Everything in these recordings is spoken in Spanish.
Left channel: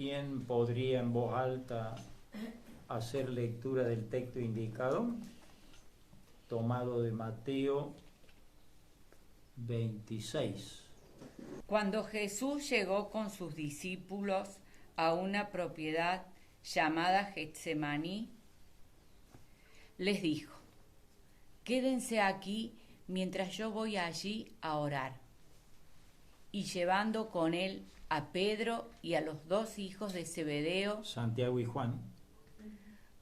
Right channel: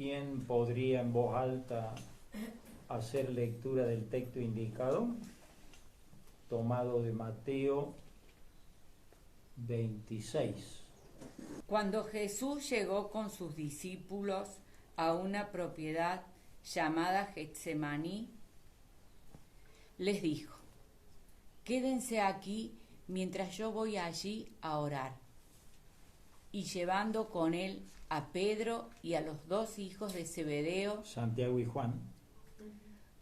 ¿Quién podría en voz alta hacer lectura del texto indicado? Tomado de Mateo 26. Cuando Jesús llegó con sus discípulos a una propiedad llamada Getsemaní, les dijo: quédense aquí mientras yo voy allí a orar. Y llevando con él a Pedro y a los dos hijos de Zebedeo, Santiago y Juan,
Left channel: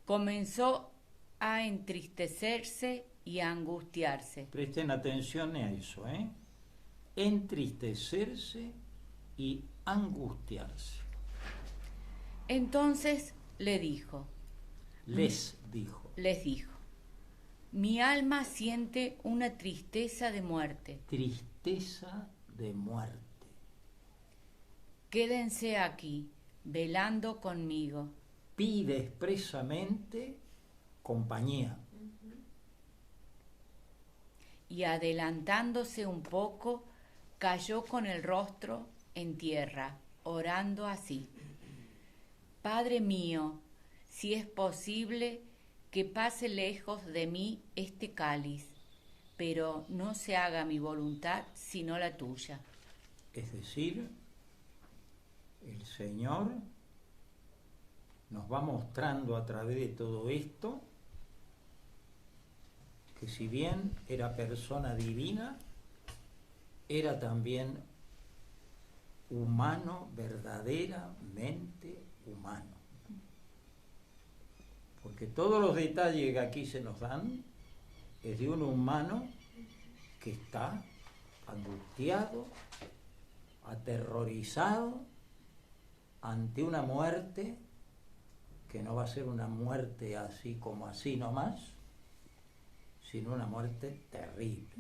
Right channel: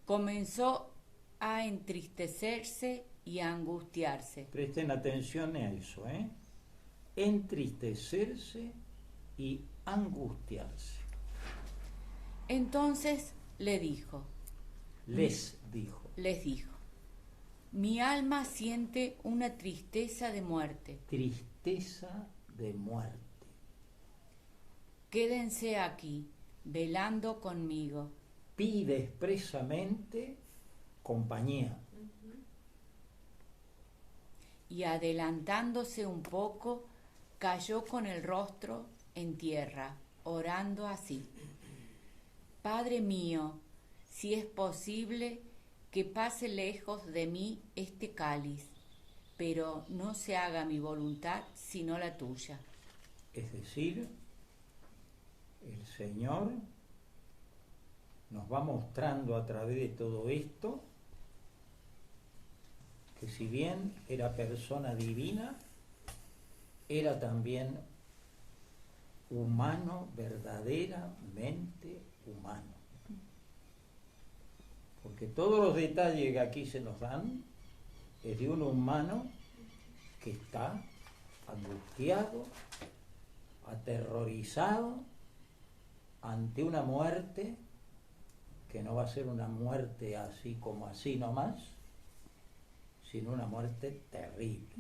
comenzó a entristecerse y a angustiarse. presten atención a eso, entristecerse y angustiarse. Entonces les dijo, mi alma siente una tristeza de muerte. Tristeza de muerte. Quédense aquí, velando conmigo. Pide expresamente compañía. Y adelantándose un poco, cayó con el rostro en tierra, orando así: Padre mío, si es posible, que pase lejos de mí este cáliz, pero no se haga mi voluntad sino la tuya. Es decir, el Señor nos va mostrando a través de todo esto que si bien era persona divina, era también humano, verdaderamente humano. Porque todos los detalles que aquí se nos dan es de un humano que está angustiado, aterrorizado ante una muerte que no va a ser una muerte así como así nomás, sino una muerte terrible.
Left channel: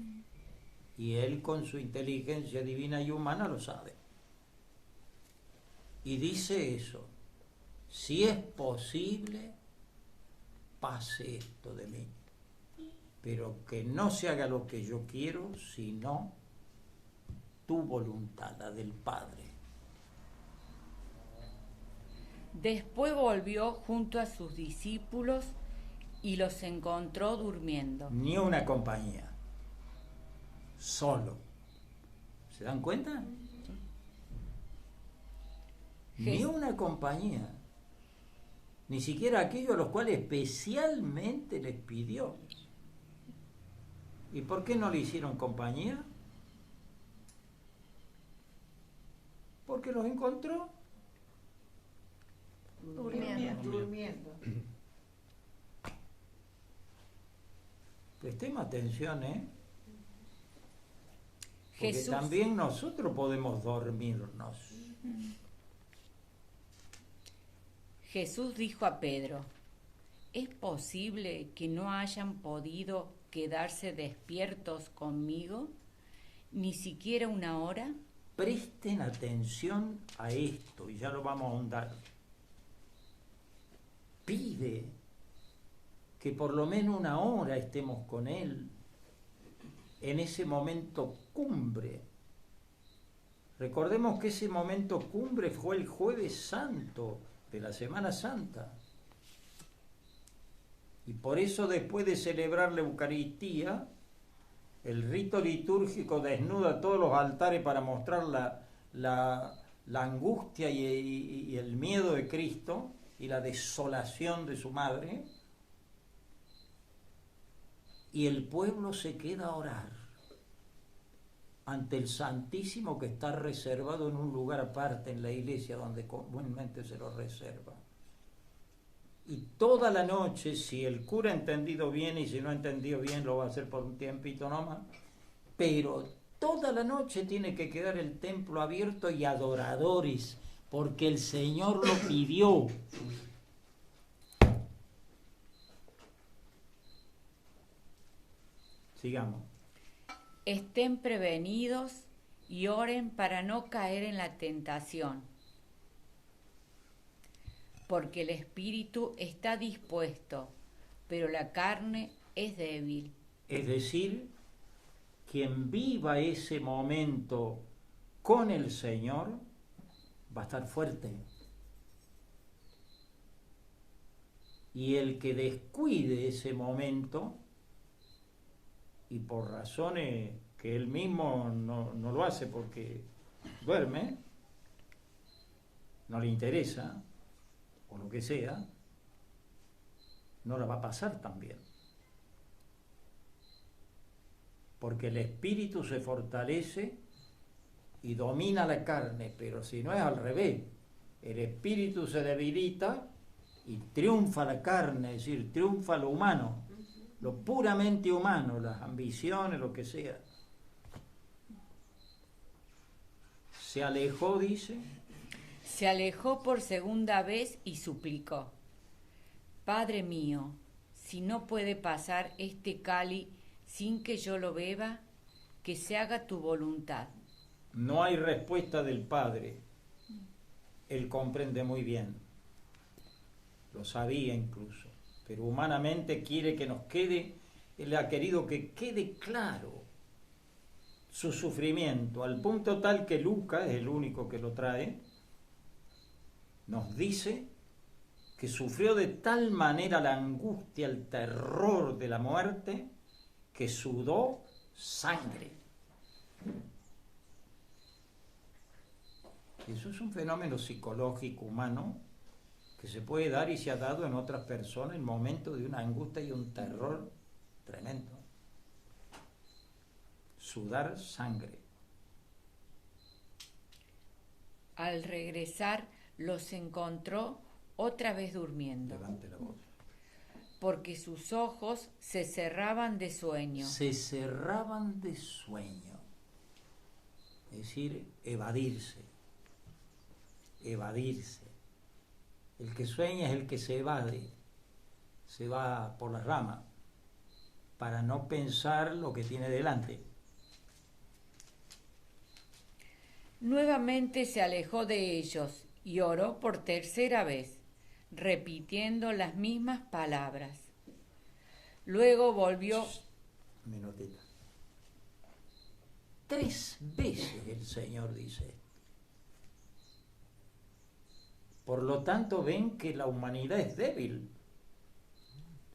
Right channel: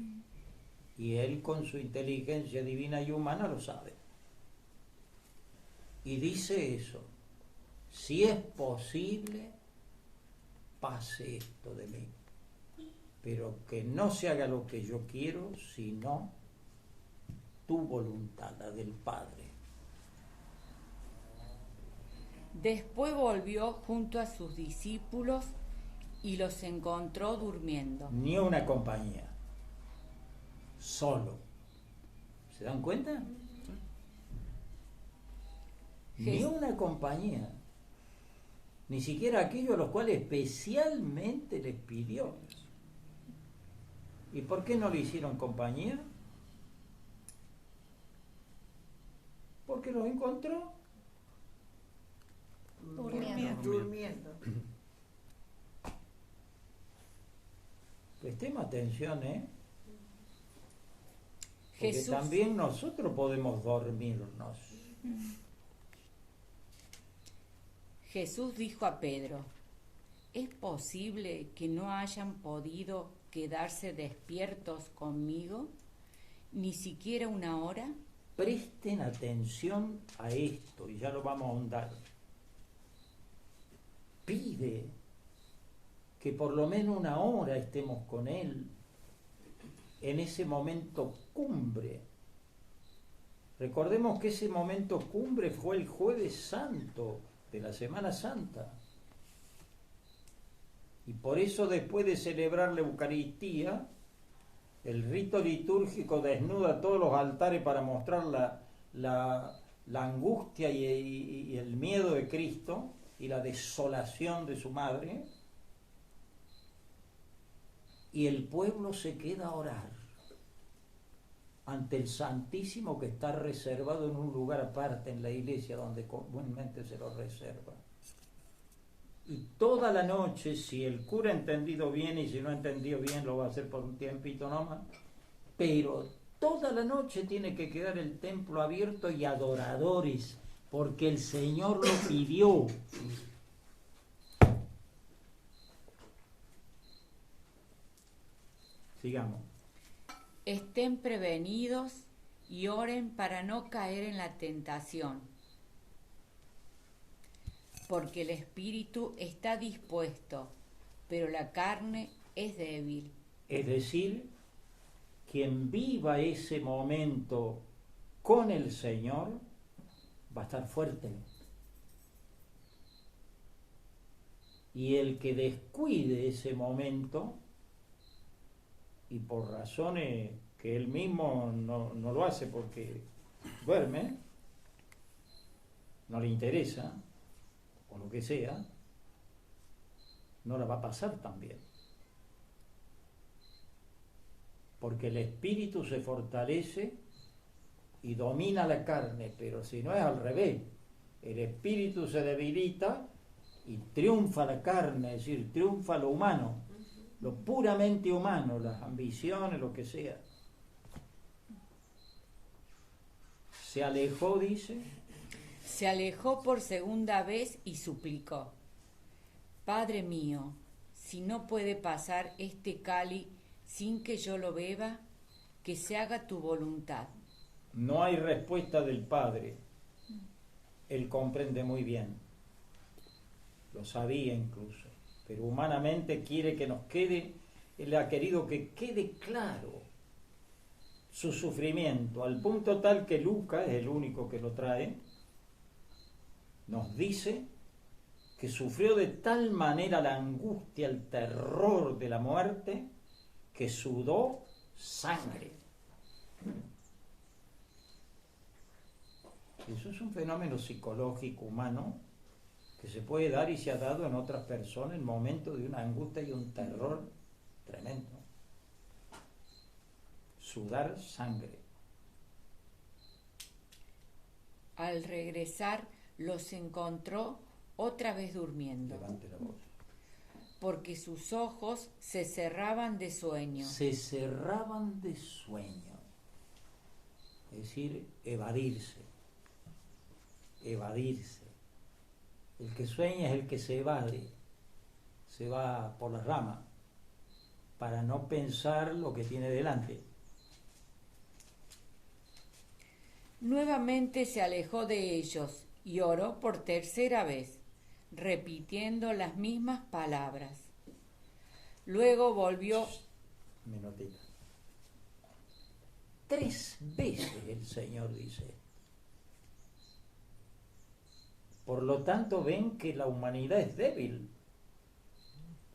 Y él, con su inteligencia divina y humana, lo sabe. Y dice eso: si es posible, pase esto de mí, pero que no se haga lo que yo quiero, sino tu voluntad, la del Padre. Después volvió junto a sus discípulos y los encontró durmiendo. Ni una compañía, solo. ¿Se dan cuenta? Ni una compañía, ni siquiera aquellos a los cuales especialmente les pidió. ¿Y por qué no le hicieron compañía? Porque los encontró durmiendo. Prestemos atención, porque Jesús también nosotros podemos dormirnos. Jesús dijo a Pedro: ¿es posible que no hayan podido quedarse despiertos conmigo ni siquiera una hora? Presten atención a esto y ya lo vamos a ahondar. Pide que por lo menos una hora estemos con él en ese momento cumbre. Recordemos que ese momento cumbre fue el Jueves Santo de la Semana Santa. Y por eso, después de celebrar la Eucaristía, el rito litúrgico desnuda todos los altares para mostrar la angustia y el miedo de Cristo y la desolación de su madre, y el pueblo se queda a orar ante el Santísimo, que está reservado en un lugar aparte en la iglesia donde comúnmente se lo reserva. Y toda la noche, si el cura ha entendido bien, y si no ha entendido bien lo va a hacer por un tiempito nomás, pero toda la noche tiene que quedar el templo abierto y adoradores, porque el Señor lo pidió. Sigamos. Estén prevenidos y oren para no caer en la tentación, porque el espíritu está dispuesto, pero la carne es débil. Es decir, quien viva ese momento con el Señor va a estar fuerte, Y el que descuide ese momento, y por razones que él mismo no lo hace porque duerme, no le interesa, o lo que sea, no la va a pasar tan bien. Porque el espíritu se fortalece y domina la carne, pero si no es al revés, el espíritu se debilita y triunfa la carne, es decir, triunfa lo humano, lo puramente humano, las ambiciones, lo que sea. Se alejó, dice. Se alejó por segunda vez y suplicó: Padre mío, si no puede pasar este cáliz sin que yo lo beba, que se haga tu voluntad. No hay respuesta del Padre. Él comprende muy bien. Lo sabía incluso. Pero humanamente quiere que nos quede, él ha querido que quede claro su sufrimiento, al punto tal que Lucas, es el único que lo trae, nos dice que sufrió de tal manera la angustia, el terror de la muerte, que sudó sangre. Eso es un fenómeno psicológico humano que se puede dar y se ha dado en otras personas en momentos de una angustia y un terror tremendo. Sudar sangre. Al regresar los encontró otra vez durmiendo. Levante la voz. Porque sus ojos se cerraban de sueño. Se cerraban de sueño. Es decir, evadirse. Evadirse. El que sueña es el que se evade, se va por las ramas para no pensar lo que tiene delante. Nuevamente se alejó de ellos y oró por tercera vez, repitiendo las mismas palabras. Luego volvió. Minutito. 3 veces el Señor dice. Por lo tanto, ven que la humanidad es débil.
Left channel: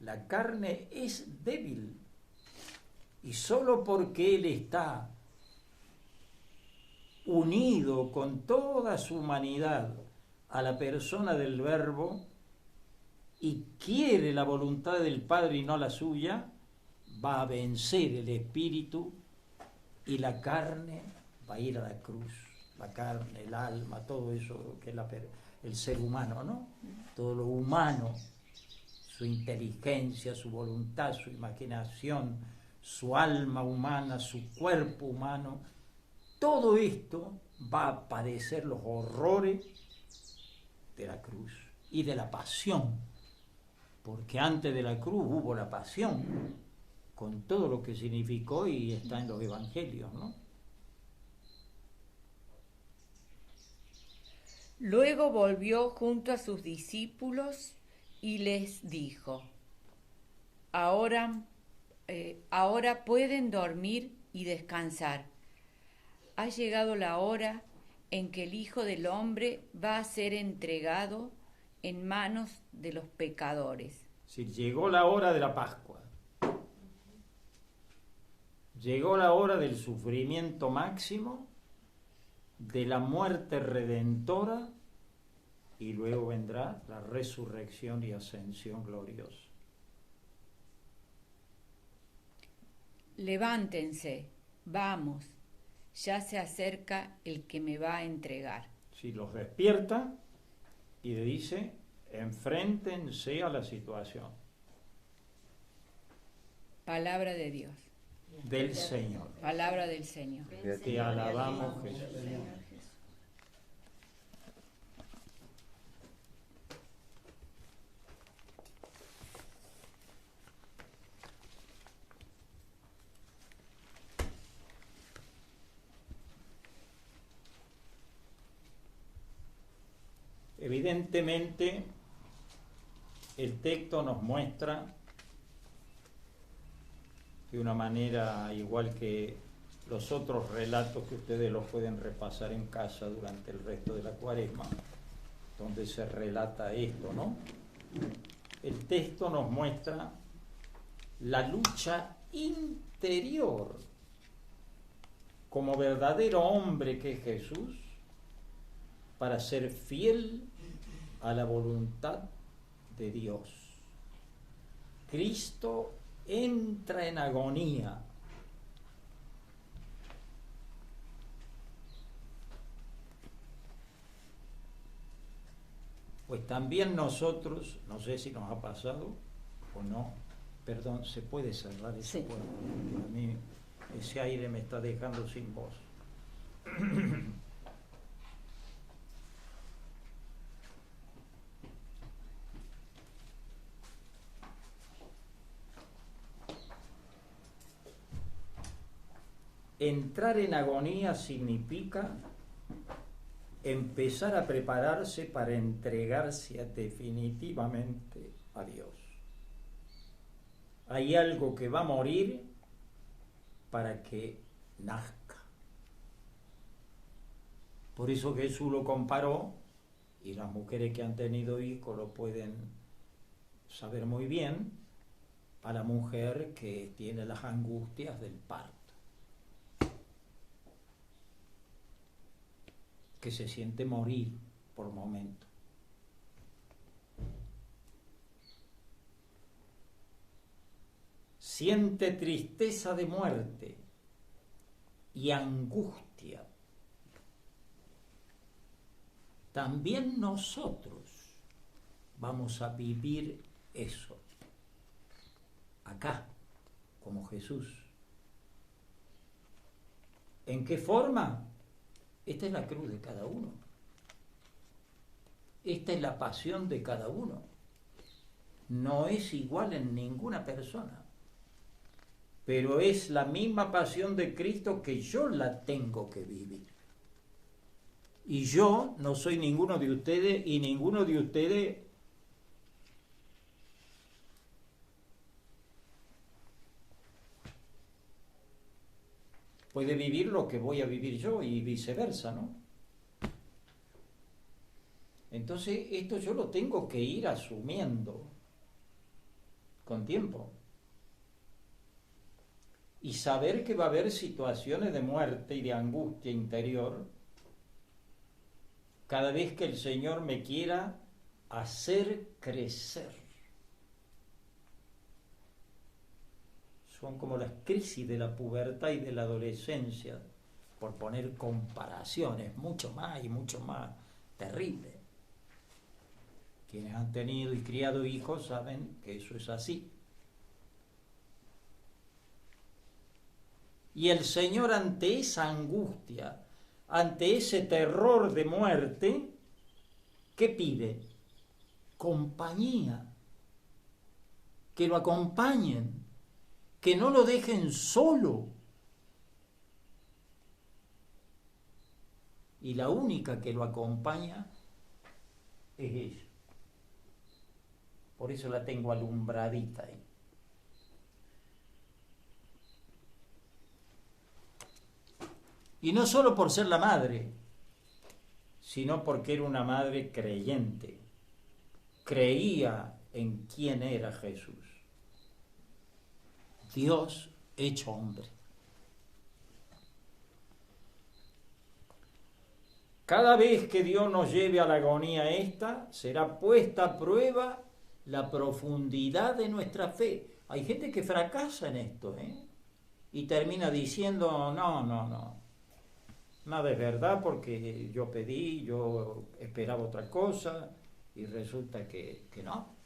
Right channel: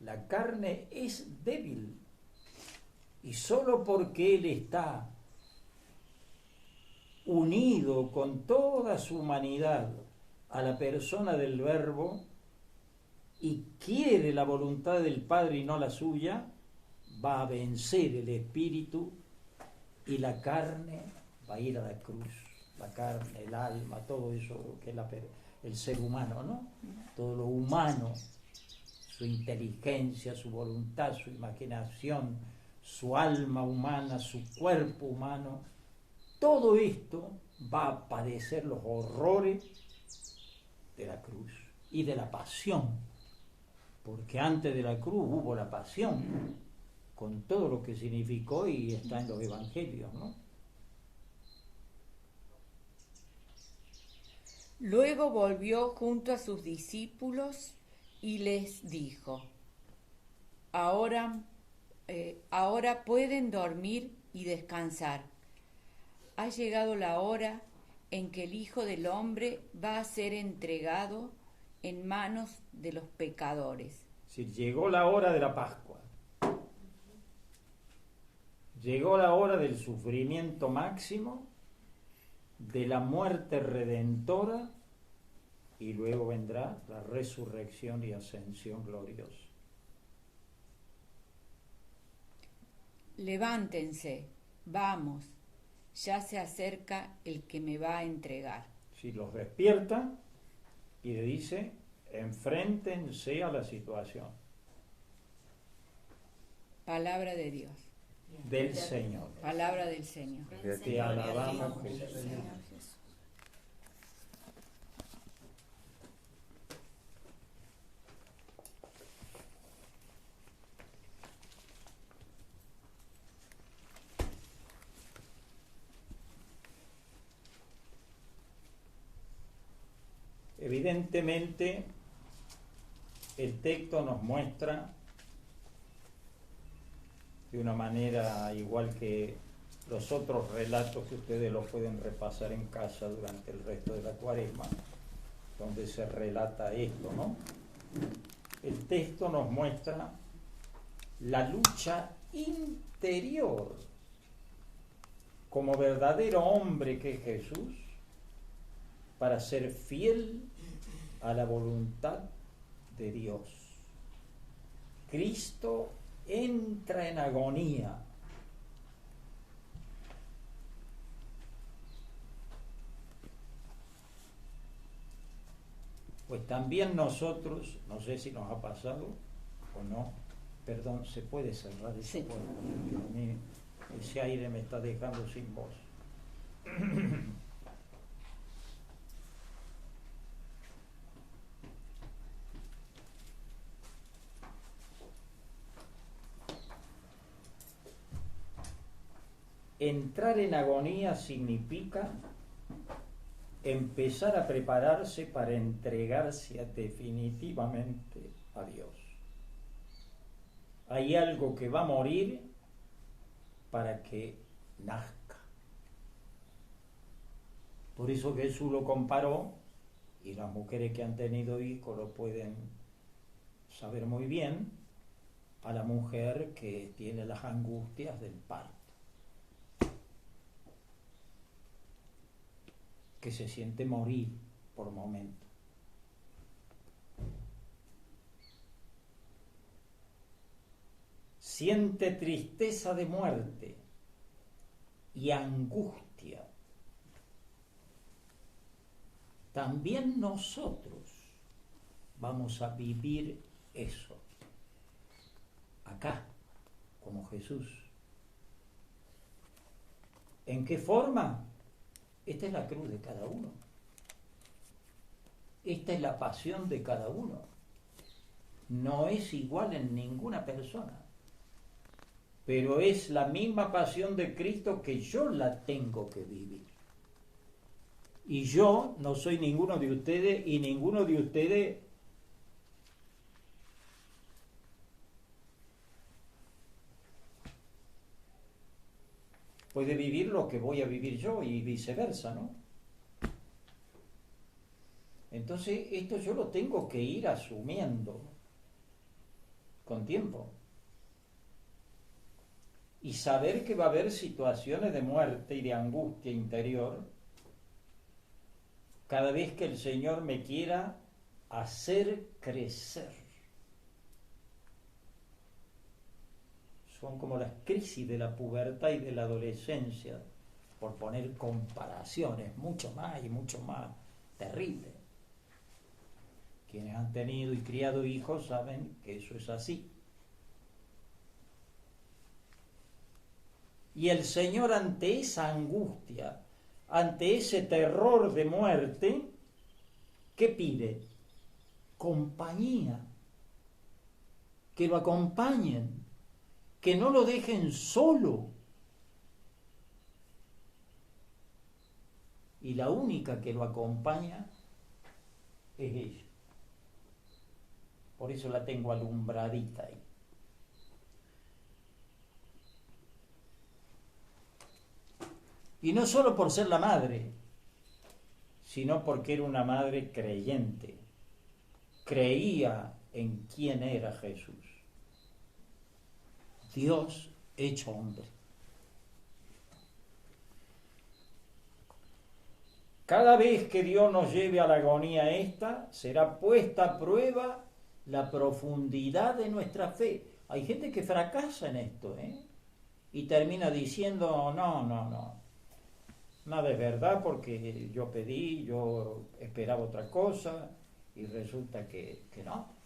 La carne es débil. Y solo porque Él está unido con toda su humanidad a la persona del Verbo y quiere la voluntad del Padre y no la suya, va a vencer el espíritu y la carne va a ir a la cruz. La carne, el alma, todo eso que es el ser humano, ¿no? Todo lo humano, su inteligencia, su voluntad, su imaginación, su alma humana, su cuerpo humano, todo esto va a padecer los horrores de la cruz y de la pasión, porque antes de la cruz hubo la pasión, con todo lo que significó y está en los evangelios, ¿no? Luego volvió junto a sus discípulos y les dijo: Ahora pueden dormir y descansar. Ha llegado la hora en que el Hijo del Hombre va a ser entregado en manos de los pecadores. Si llegó la hora de la Pascua, llegó la hora del sufrimiento máximo, de la muerte redentora, y luego vendrá la resurrección y ascensión gloriosa. Levántense, vamos, ya se acerca el que me va a entregar. Si los despierta y le dice, enfréntense a la situación. Palabra de Dios. Del Señor. Palabra del Señor. Te alabamos, Jesús. Evidentemente, el texto nos muestra de una manera igual que los otros relatos que ustedes los pueden repasar en casa durante el resto de la Cuaresma, donde se relata esto, ¿no? el texto nos muestra la lucha interior como verdadero hombre que es Jesús para ser fiel a la voluntad de Dios. Cristo entra en agonía. Pues también nosotros, no sé si nos ha pasado o no, perdón, ¿se puede cerrar eso? Sí. Porque a mí ese aire me está dejando sin voz. Entrar en agonía significa empezar a prepararse para entregarse definitivamente a Dios. Hay algo que va a morir para que nazca. Por eso Jesús lo comparó, y las mujeres que han tenido hijos lo pueden saber muy bien, a la mujer que tiene las angustias del parto, que se siente morir por momentos. Siente tristeza de muerte y angustia. También nosotros vamos a vivir eso, acá, como Jesús. ¿En qué forma? Esta es la cruz de cada uno. Esta es la pasión de cada uno. No es igual en ninguna persona. Pero es la misma pasión de Cristo que yo la tengo que vivir. Y yo no soy ninguno de ustedes, y ninguno de ustedes puede vivir lo que voy a vivir yo y viceversa, ¿no? Entonces esto yo lo tengo que ir asumiendo con tiempo. Y saber que va a haber situaciones de muerte y de angustia interior cada vez que el Señor me quiera hacer crecer. Son como las crisis de la pubertad y de la adolescencia, por poner comparaciones mucho más y mucho más terribles. Quienes han tenido y criado hijos saben que eso es así. Y el Señor, ante esa angustia, ante ese terror de muerte, ¿qué pide? Compañía, que lo acompañen, que no lo dejen solo. Y la única que lo acompaña es ella. Por eso la tengo alumbradita ahí. Y no solo por ser la madre, sino porque era una madre creyente. Creía en quién era Jesús. Dios hecho hombre. Cada vez que Dios nos lleve a la agonía esta, será puesta a prueba la profundidad de nuestra fe. Hay gente que fracasa en esto, y termina diciendo, no. Nada es verdad porque yo pedí, yo esperaba otra cosa y resulta que no.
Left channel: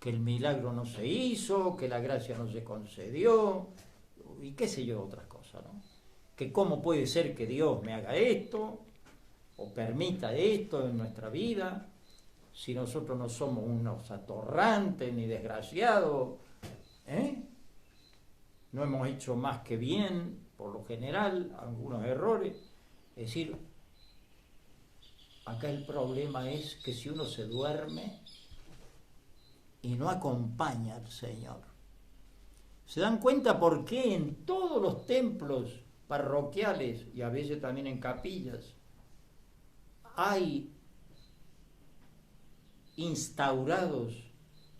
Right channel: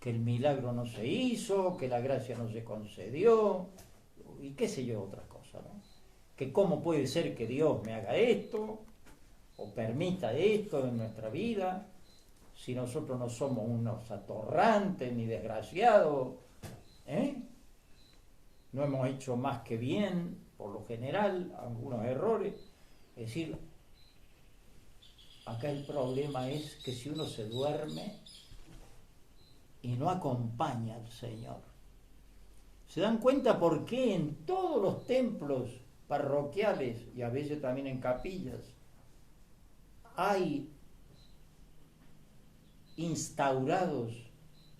Que el milagro no se hizo, que la gracia no se concedió y qué sé yo, otras cosas, ¿no? Que cómo puede ser que Dios me haga esto o permita esto en nuestra vida si nosotros no somos unos atorrantes ni desgraciados, no hemos hecho más que bien, por lo general, algunos errores. Es decir, acá el problema es que si uno se duerme y no acompaña al Señor, ¿se dan cuenta por qué en todos los templos parroquiales y a veces también en capillas hay instaurados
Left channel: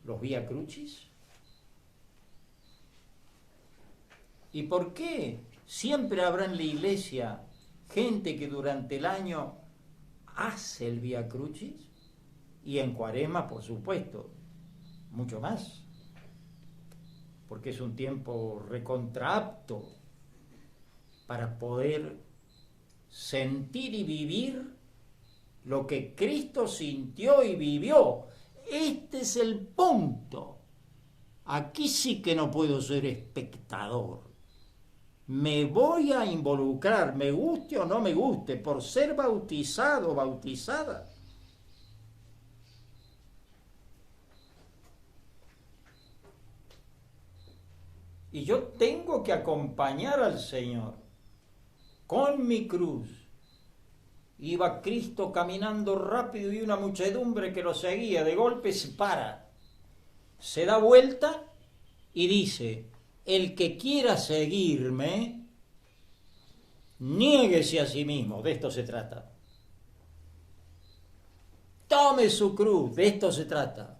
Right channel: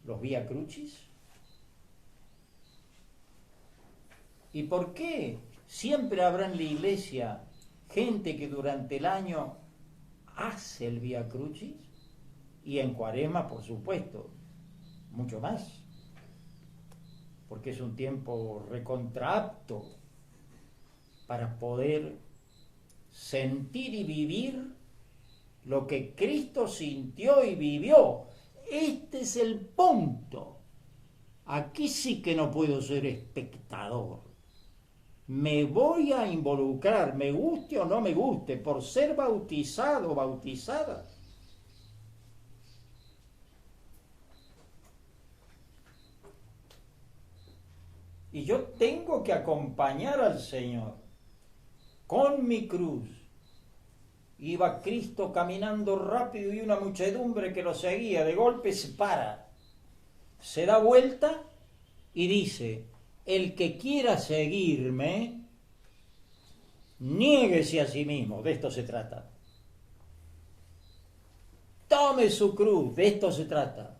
los Vía Crucis? ¿Y por qué siempre habrá en la iglesia gente que durante el año hace el Vía Crucis? Y en Cuaresma, por supuesto, mucho más, porque es un tiempo recontraapto para poder sentir y vivir lo que Cristo sintió y vivió. Este es el punto. Aquí sí que no puedo ser espectador. Me voy a involucrar, me guste o no me guste, por ser bautizado o bautizada. Y yo tengo que acompañar al Señor con mi cruz. Iba Cristo caminando rápido y una muchedumbre que lo seguía. De golpe se para, se da vuelta y dice: el que quiera seguirme, niéguese a sí mismo. De esto se trata. Tome su cruz, de esto se trata.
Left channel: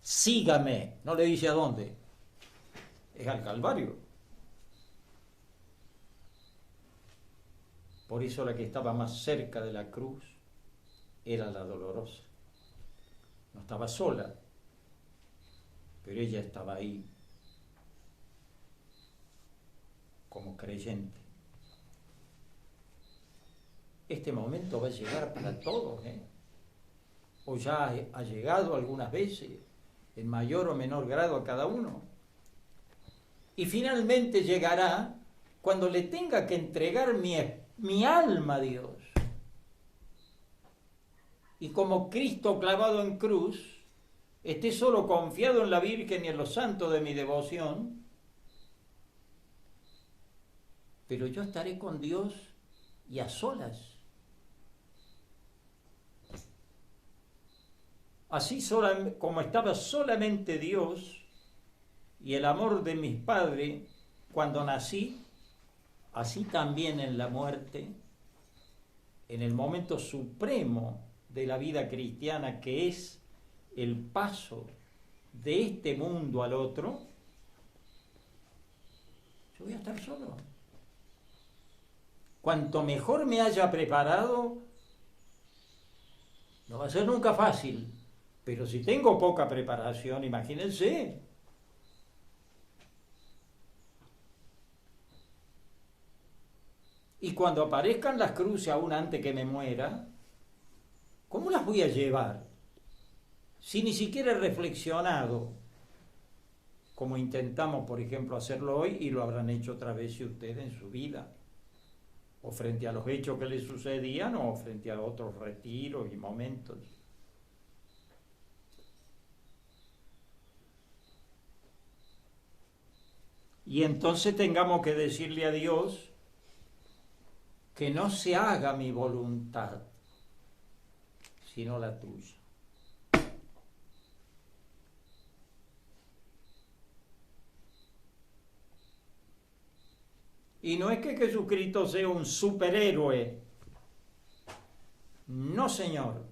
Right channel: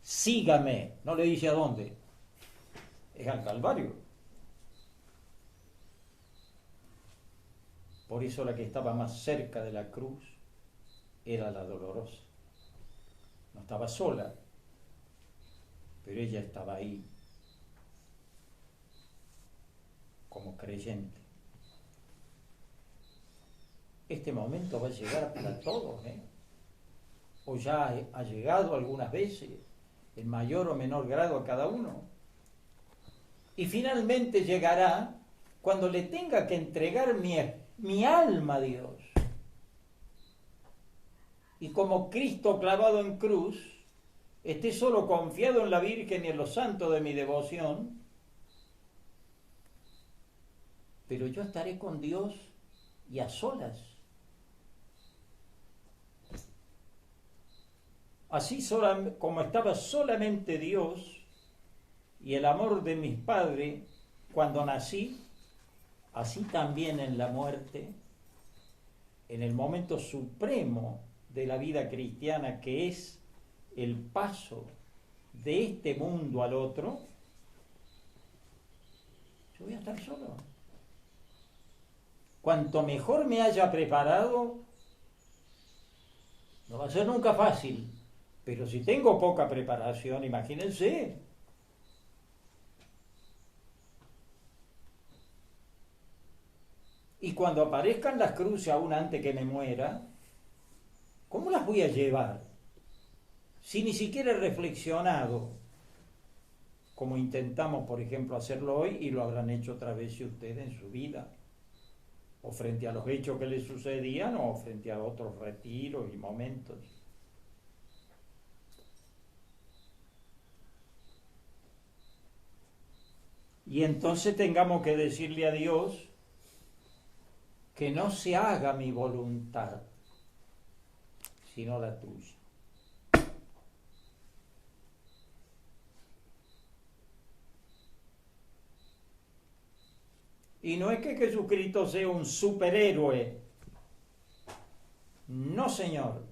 Sígame. No le dice a dónde. Es al Calvario. Por eso la que estaba más cerca de la cruz era la dolorosa. No estaba sola, pero ella estaba ahí como creyente. Este momento va a llegar para todos, o ya ha llegado algunas veces, en mayor o menor grado a cada uno. Y finalmente llegará cuando le tenga que entregar mi alma a Dios. Y como Cristo clavado en cruz, esté solo confiado en la Virgen y en los santos de mi devoción, pero yo estaré con Dios y a solas. Así como estaba solamente Dios y el amor de mis padres cuando nací, así también en la muerte, en el momento supremo de la vida cristiana, que es el paso de este mundo al otro, yo voy a estar solo. Cuanto mejor me haya preparado, no va a ser nunca fácil, pero si tengo poca preparación, imagínense. Y cuando aparezcan las cruces aún antes que me muera, ¿cómo las voy a llevar? Si ni siquiera he reflexionado, como intentamos, por ejemplo, hacerlo hoy, y lo habrán hecho otra vez ustedes en su vida, o frente a los hechos que les sucedían, o frente a otros retiros y momentos. Y entonces tengamos que decirle a Dios que no se haga mi voluntad, sino la tuya. Y no es que Jesucristo sea un superhéroe. No, Señor.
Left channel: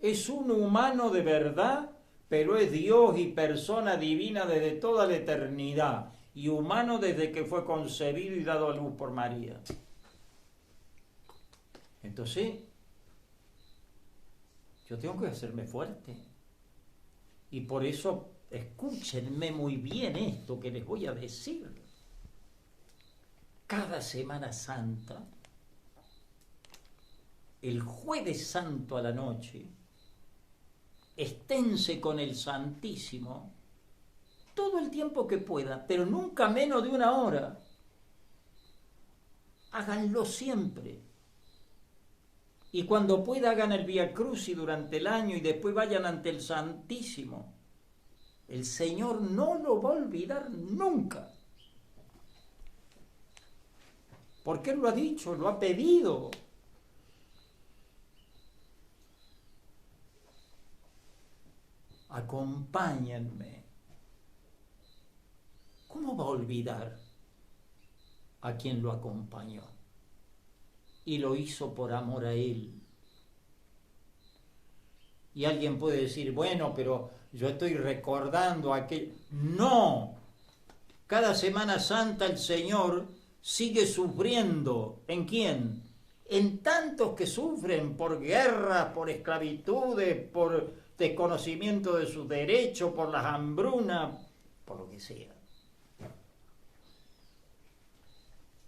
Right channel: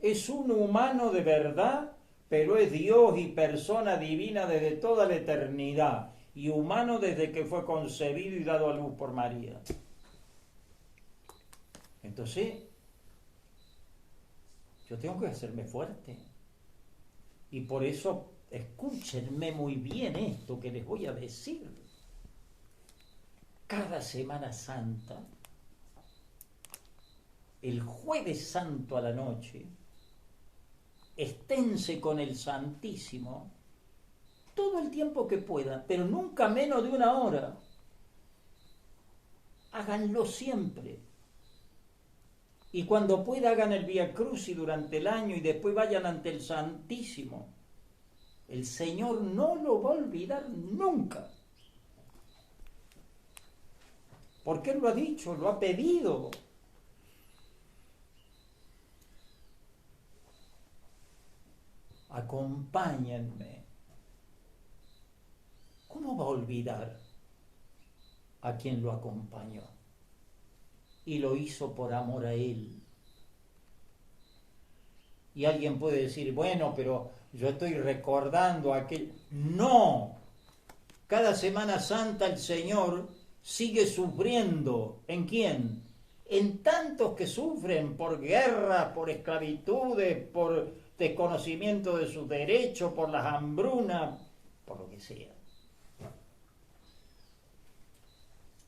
Es un humano de verdad, pero es Dios y persona divina desde toda la eternidad, y humano desde que fue concebido y dado a luz por María. Entonces, yo tengo que hacerme fuerte. Y por eso, escúchenme muy bien esto que les voy a decir. Cada Semana Santa, el Jueves Santo a la noche, esténse con el Santísimo todo el tiempo que puedan, pero nunca menos de 1 hora. Háganlo siempre. Y cuando pueda hagan el Vía Crucis durante el año y después vayan ante el Santísimo. El Señor no lo va a olvidar nunca. Porque Él lo ha dicho, lo ha pedido. Acompáñenme. ¿Cómo va a olvidar a quien lo acompañó? Y lo hizo por amor a Él. Y alguien puede decir, bueno, pero yo estoy recordando aquel... No, cada Semana Santa el Señor sigue sufriendo. ¿En quién? En tantos que sufren por guerras, por esclavitudes, por desconocimiento de sus derechos, por las hambrunas, por lo que sea.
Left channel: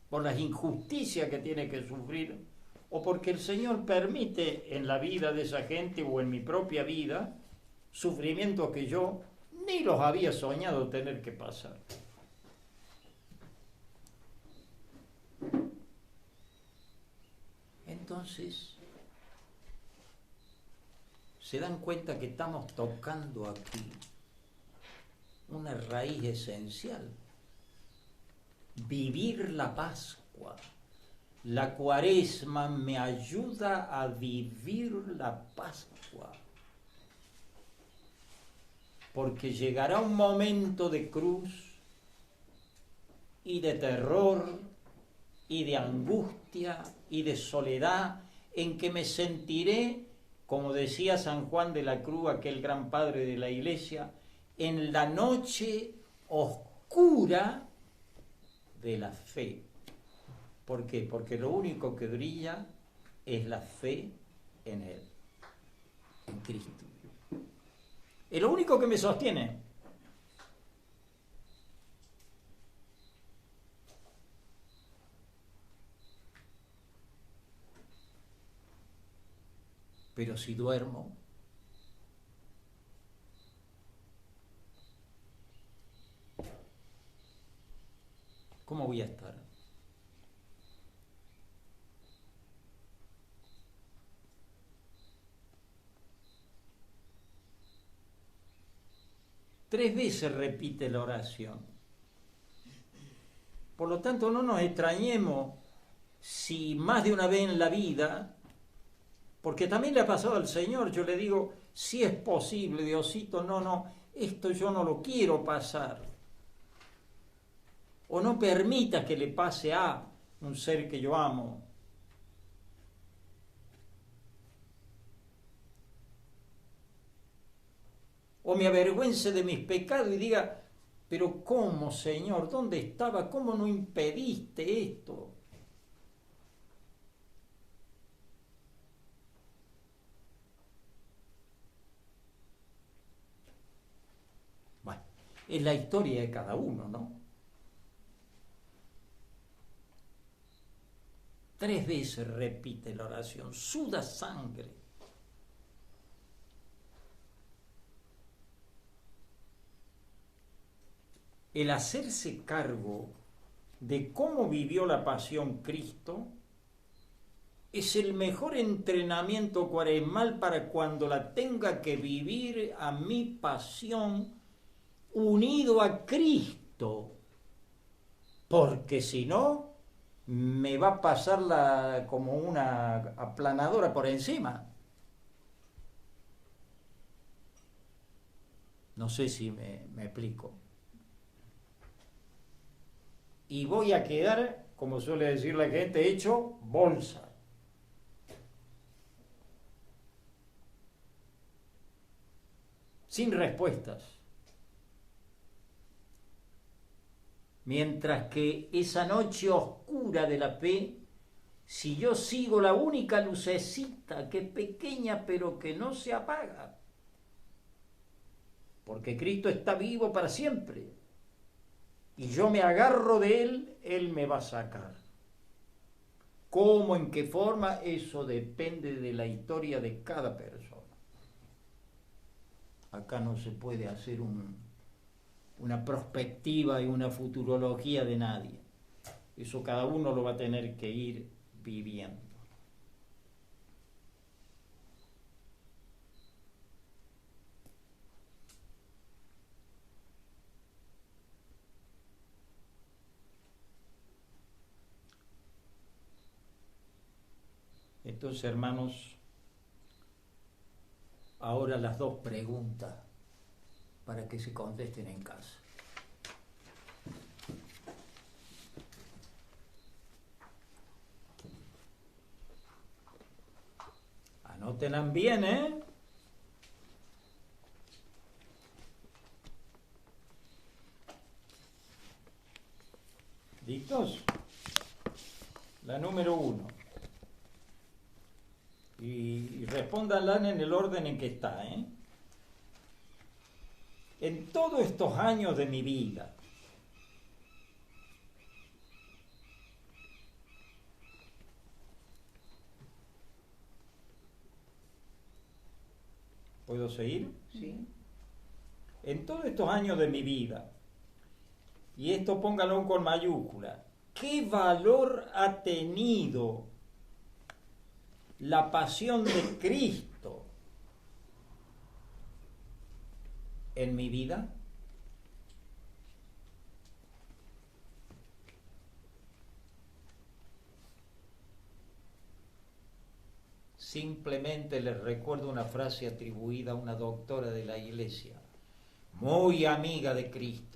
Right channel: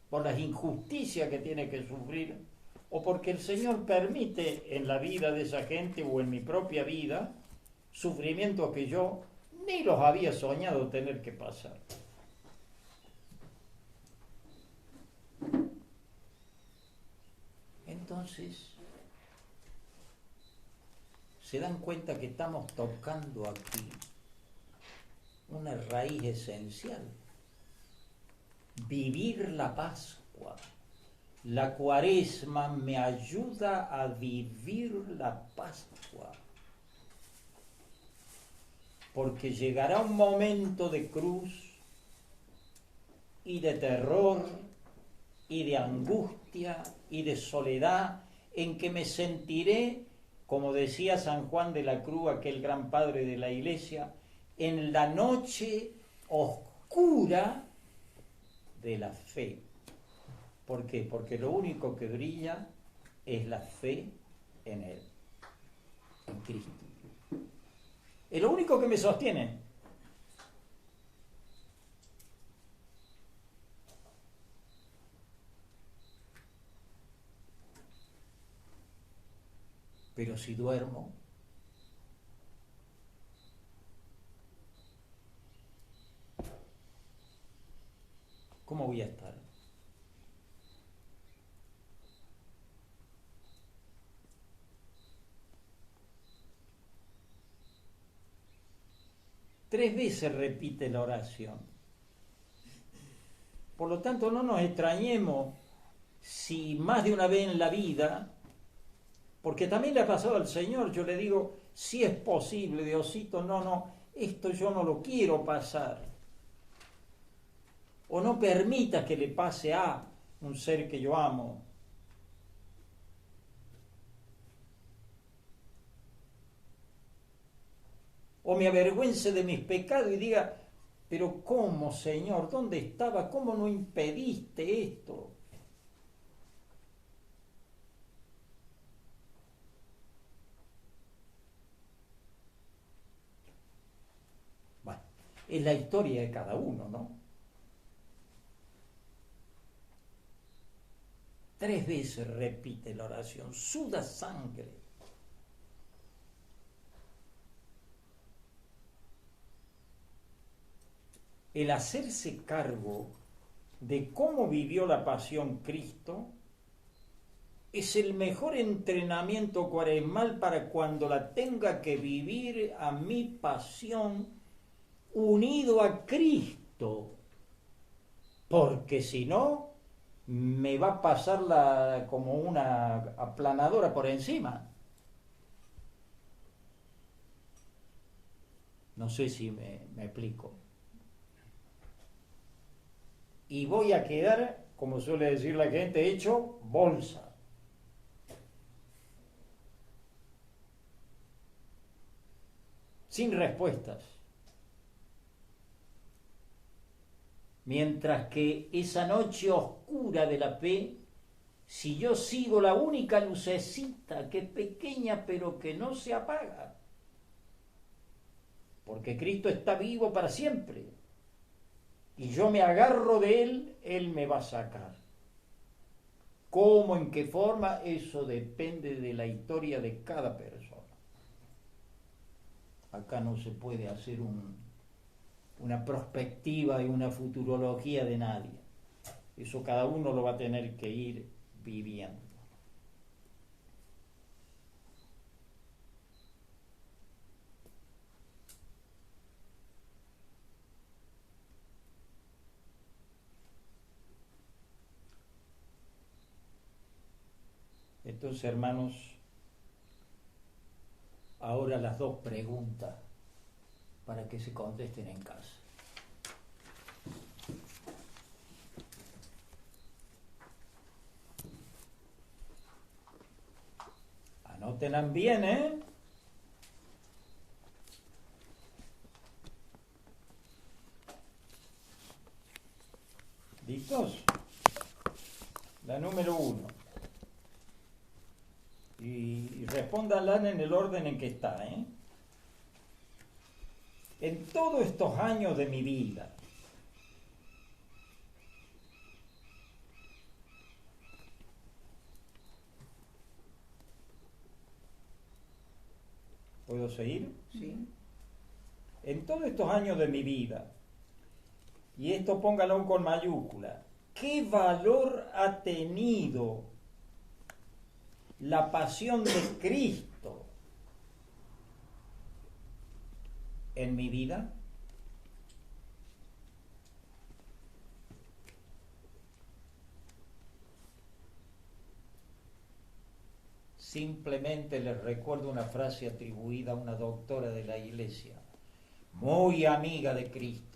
Por las injusticias que tiene que sufrir, o porque el Señor permite en la vida de esa gente o en mi propia vida sufrimientos que yo ni los había soñado tener que pasar. Entonces, se dan cuenta que estamos tocando aquí una raíz esencial. Vivir la Pascua. La Cuaresma me ayuda a vivir la Pascua. Porque llegará un momento de cruz y de terror y de angustia y de soledad en que me sentiré, como decía San Juan de la Cruz, aquel gran padre de la Iglesia, en la noche oscura de la fe. ¿Por qué? Porque lo único que brilla es la fe en Él, en Cristo. Es lo único que me sostiene. Pero si duermo, ¿cómo voy a estar? Tres veces repite la oración. Por lo tanto, no nos extrañemos si más de una vez en la vida, porque también le ha pasado al Señor, yo le digo, si es posible, Diosito, no, esto yo no lo quiero pasar. O no permita que le pase a un ser que yo amo. O me avergüence de mis pecados y diga, pero ¿cómo, Señor? ¿Dónde estaba? ¿Cómo no impediste esto? Bueno, es la historia de cada uno, ¿no? 3 veces repite la oración, suda sangre. El hacerse cargo de cómo vivió la pasión Cristo es el mejor entrenamiento cuaresmal para cuando la tenga que vivir a mi pasión unido a Cristo, porque si no me va a pasar como una aplanadora por encima. No sé si me explico. Y voy a quedar, como suele decir la gente, hecho bolsa. Sin respuestas. Mientras que esa noche oscura de la fe, si yo sigo la única lucecita que es pequeña pero que no se apaga, porque Cristo está vivo para siempre, y yo me agarro de Él, Él me va a sacar. ¿Cómo, en qué forma? Eso depende de la historia de cada persona. Acá no se puede hacer una perspectiva y una futurología de nadie. Eso cada uno lo va a tener que ir viviendo. Entonces, hermanos, ahora las 2 preguntas para que se contesten en casa. Anótenlas bien, ¿eh? ¿Listos? La número 1. Y respóndanla en el orden en que está, ¿eh? En todos estos años de mi vida, ¿puedo seguir? Sí. En todos estos años de mi vida, y esto póngalo con mayúscula, ¿qué valor ha tenido la pasión de Cristo en mi vida? Simplemente les recuerdo una frase atribuida a una doctora de la Iglesia, muy amiga de Cristo,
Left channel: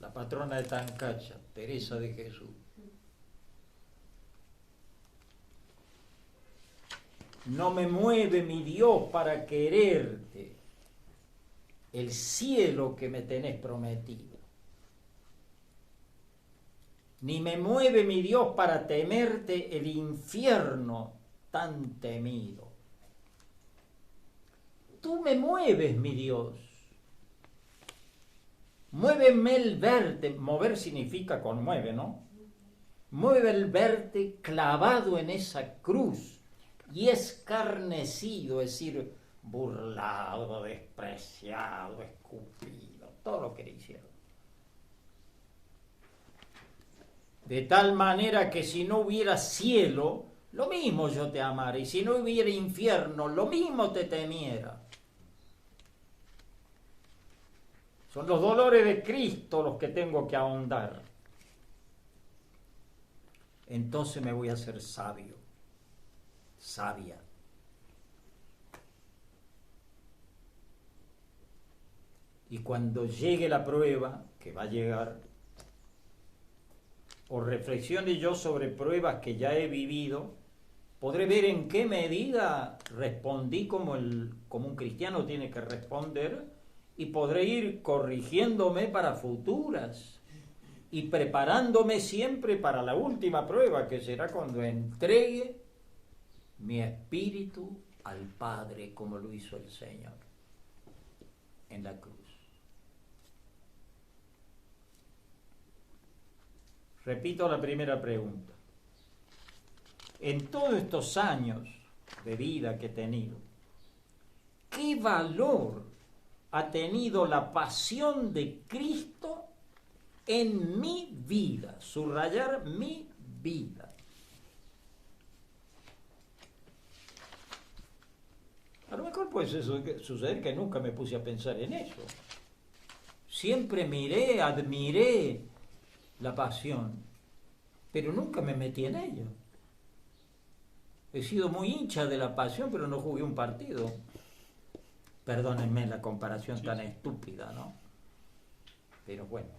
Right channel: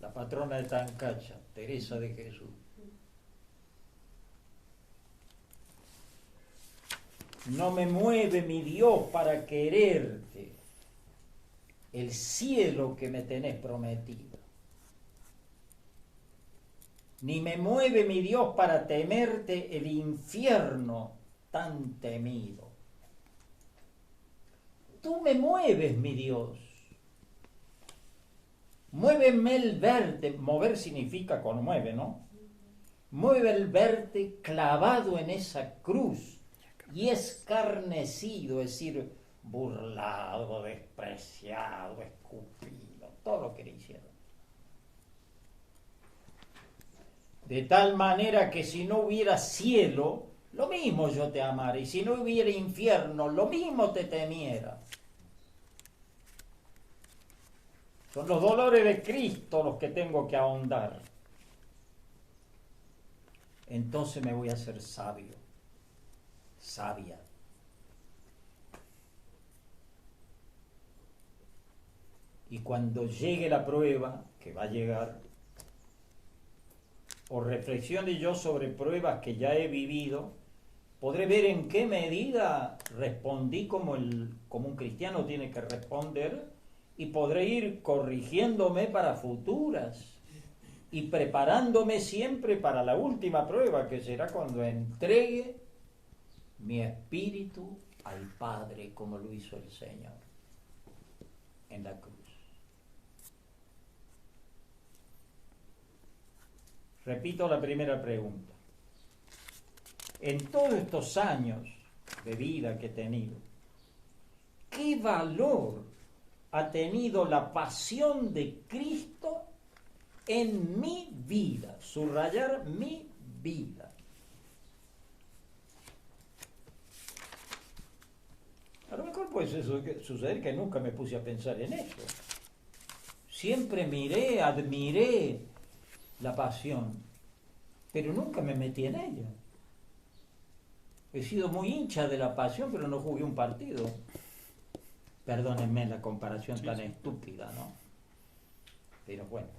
la patrona de Tancacha, Teresa de Jesús. No me mueve mi Dios para quererte el cielo que me tenés prometido, ni me mueve mi Dios para temerte el infierno tan temido. Tú me mueves, mi Dios. Muéveme el verte. Mover significa conmueve, ¿no? Mueve el verte clavado en esa cruz y escarnecido, es decir, burlado, despreciado, escupido, todo lo que le hicieron. De tal manera que si no hubiera cielo, lo mismo yo te amara, y si no hubiera infierno, lo mismo te temiera. Son los dolores de Cristo los que tengo que ahondar. Entonces me voy a hacer sabio, sabia. Y cuando llegue la prueba, que va a llegar, o reflexione yo sobre pruebas que ya he vivido, podré ver en qué medida respondí como un cristiano tiene que responder, y podré ir corrigiéndome para futuras y preparándome siempre para la última prueba, que será cuando entregue mi espíritu al Padre, como lo hizo el Señor en la cruz. Repito la primera pregunta. En todos estos años de vida que he tenido, ¿qué valor ha tenido la pasión de Cristo en mi vida? Subrayar mi vida. A lo mejor puede suceder que nunca me puse a pensar en eso. Siempre admiré la pasión, pero nunca me metí en ella. He sido muy hincha de la pasión, pero no jugué un partido. Perdónenme la comparación tan estúpida, ¿no? Pero bueno,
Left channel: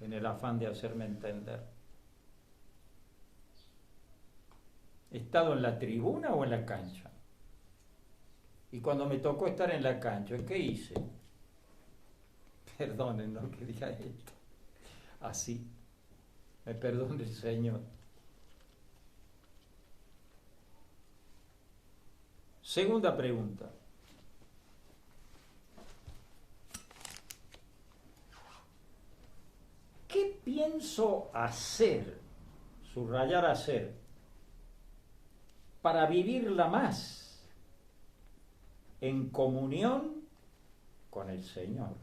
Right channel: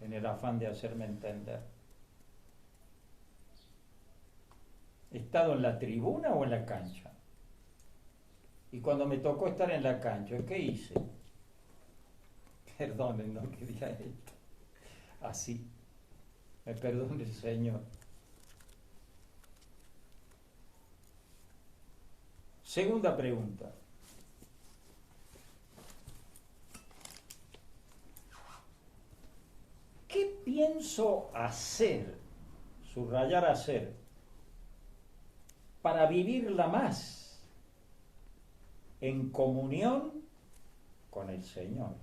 en el afán de hacerme entender. ¿He estado en la tribuna o en la cancha? Y cuando me tocó estar en la cancha, ¿qué hice? Perdonen, no quería esto. Así, me perdone el Señor. Segunda pregunta. ¿Qué pienso hacer, subrayar hacer, para vivirla más en comunión con el Señor?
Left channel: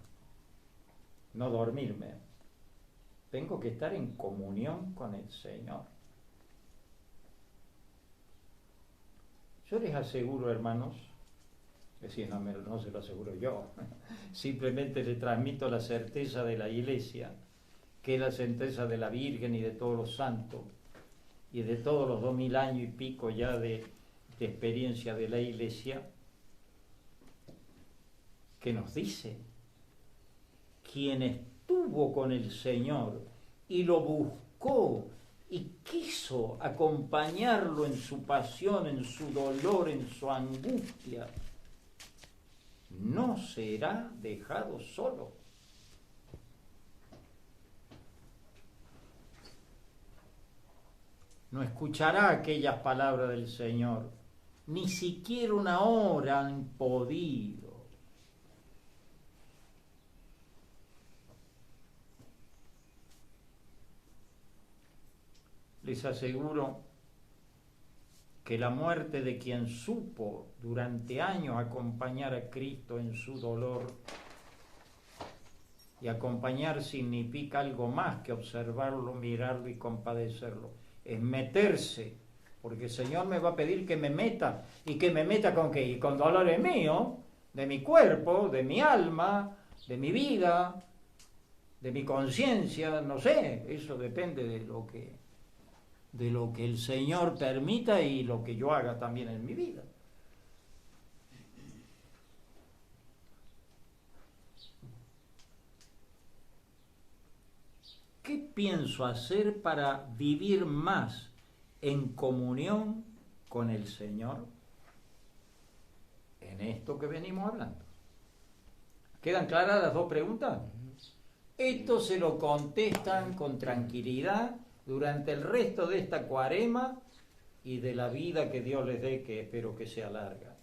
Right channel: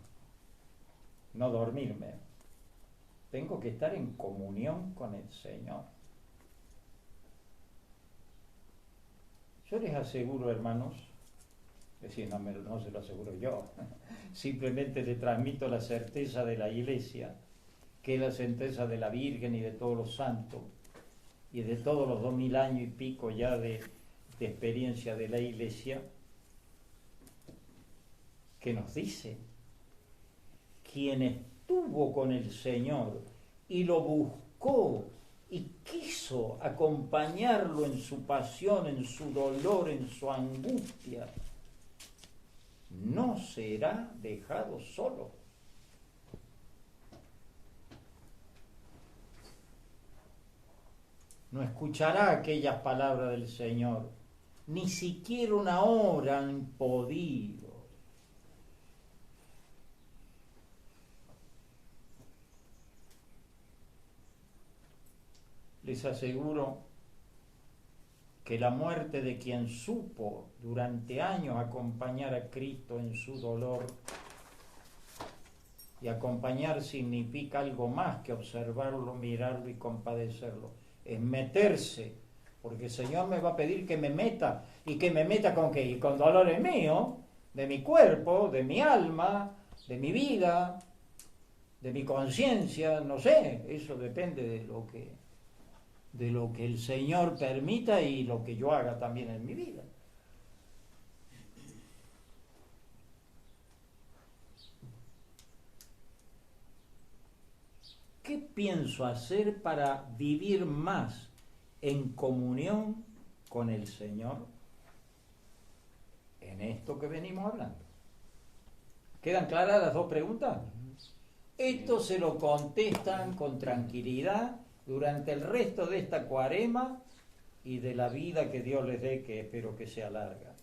No dormirme. Tengo que estar en comunión con el Señor. Yo les aseguro, hermanos, es decir, no se lo aseguro yo, simplemente les transmito la certeza de la Iglesia, que es la certeza de la Virgen y de todos los santos, y de todos los 2000 años y pico ya de experiencia de la Iglesia, que nos dice: quien estuvo con el Señor y lo buscó y quiso acompañarlo en su pasión, en su dolor, en su angustia, no será dejado solo. no escuchará aquellas palabras del Señor. Ni siquiera una hora han podido. Les aseguro que la muerte de quien supo durante años acompañar a Cristo en su dolor, y acompañar significa algo más que observarlo, mirarlo y compadecerlo, es meterse, porque el Señor me va a pedir que me meta, y que me meta ¿con qué? Y con dolores míos, de mi cuerpo, de mi alma, de mi vida, de mi conciencia, no sé, eso depende de lo que el Señor permita y lo que yo haga también en mi vida. ¿Qué pienso hacer para vivir más en comunión con el Señor? En esto que venimos hablando. ¿Quedan claras las dos preguntas? Esto se lo contestan con tranquilidad durante el resto de esta cuaresma y de la vida que Dios les dé, que espero que sea larga.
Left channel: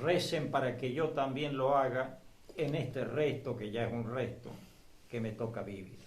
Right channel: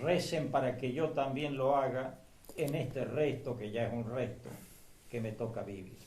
Recen para que yo también lo haga en este resto, que ya es un resto, que me toca vivir.